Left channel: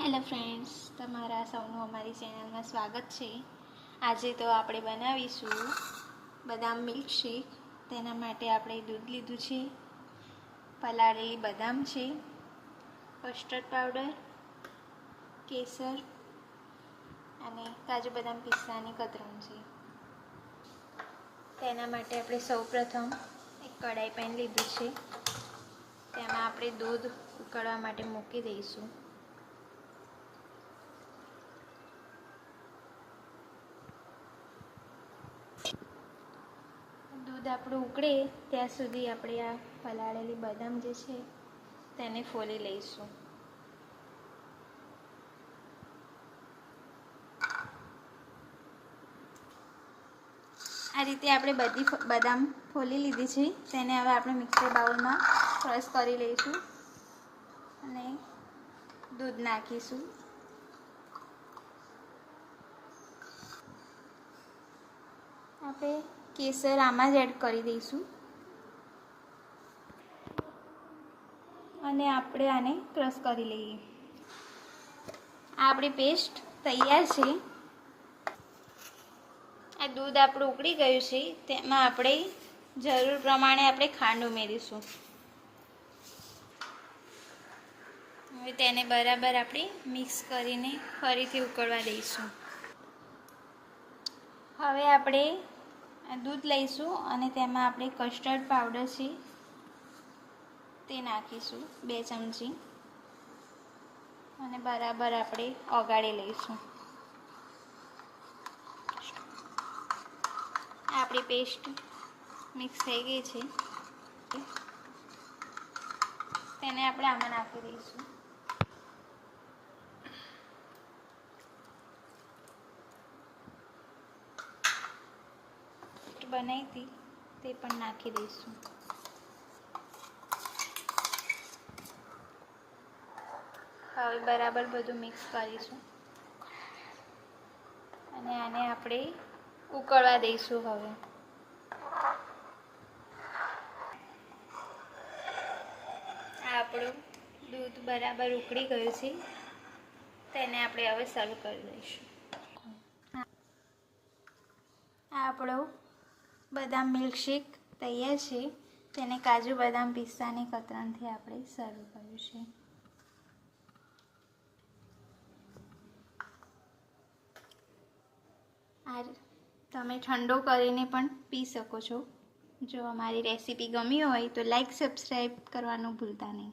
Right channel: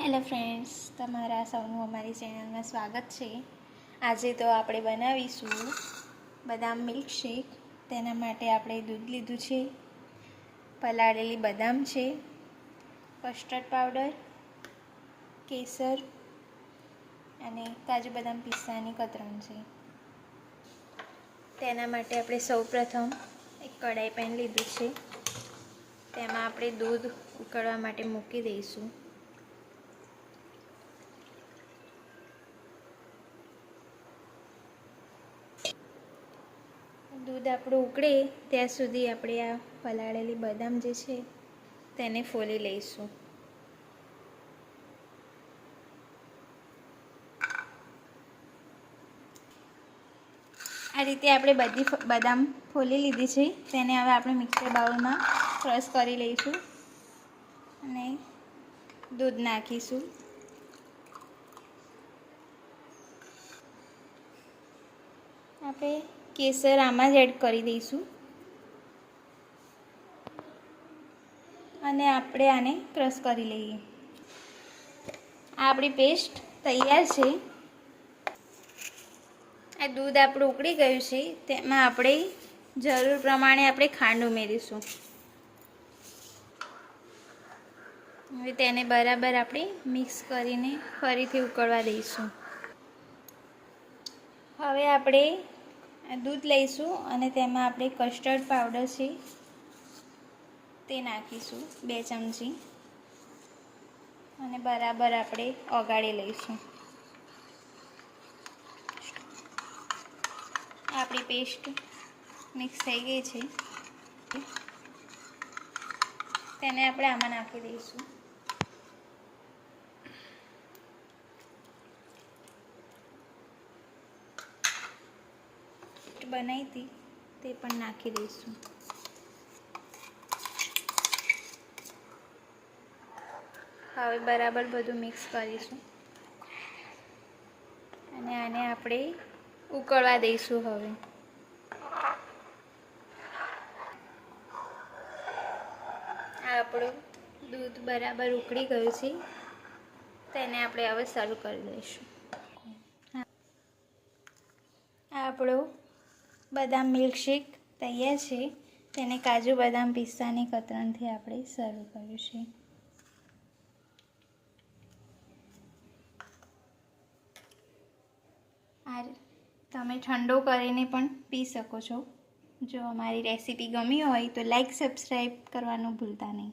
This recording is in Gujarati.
હેલો ફ્રેન્ડ્સ, તમારા સૌનું અમારી ચેનલમાં સ્વાગત છે। આજે તો આપણે બનાવીશું બદામ મિલ્કશેક। તેના માટે આપણે દૂધ લીધું છે, પલાળેલી બદામ છે, કસ્ટર્ડ પાવડર, કેસર અને કાજુ બદામ પિસ્તાની કતરણ છે। તેના માટે આપણે સૌપ્રથમ એક કઢાઈ પેન લીધું છે, તેમાં આપણે દૂધ ઉકળવા માટે મૂકી દઈશું। दूध આપણું ઉકળે ત્યાં સુધી આપણે આ પલાળેલી બદામ જે છે તેને ફોલી લઈશું। આ રીતે આપણે બધી બદામ ફોલી લીધી છે, તેને હવે આપણે મિક્સર બાઉલમાં ક્રશ કરી લઈશું અને દૂધ નાખીશું। આપણે કેસર આમાં જ એડ કરી દઈશું અને આપણે આને ક્રશ કરી લઈએ। આ આપણી પેસ્ટ તૈયાર છે। આ દૂધ આપણું ઉકળી ગયું છે, તેમાં આપણે જરૂર પ્રમાણે આપણે ખાંડ ઉમેરીશું। હવે તેને બરાબર આપણે મિક્સ કરીને ફરીથી ઉકળવા દઈશું। હવે આપણે દૂધ લઈશું અને તેમાં આપણે કસ્ટર્ડ પાવડર છે તે નાખીશું 2 ચમચી અને બરાબર આપણે ઓગાળી લઈશું। આપણી પેસ્ટ મિક્સ થઈ ગઈ છે, તેને આપણે આમાં નાખી દઈશું। બનાવી હતી તે પણ નાખી દઈશું। હવે બરાબર બધું મિક્સ કરીશું અને આને આપણે ઉકળવા દઈશું। હવે આપણું દૂધ બરાબર ઉકળી ગયું છે, તેને આપણે હવે સર્વ કરી દઈશું। આ આપણો બદામ મિલ્કશેક તૈયાર છે, તેને કાજુ બદામ પિસ્તાની કતરણથી આપણે સર્વ કર્યું છે। આ તમે ઠંડો કરીને પણ પી શકો છો। જો અમારી રેસીપી ગમી હોય તો લાઈક સબસ્ક્રાઈબ કરવાનું ભૂલતા નહીં।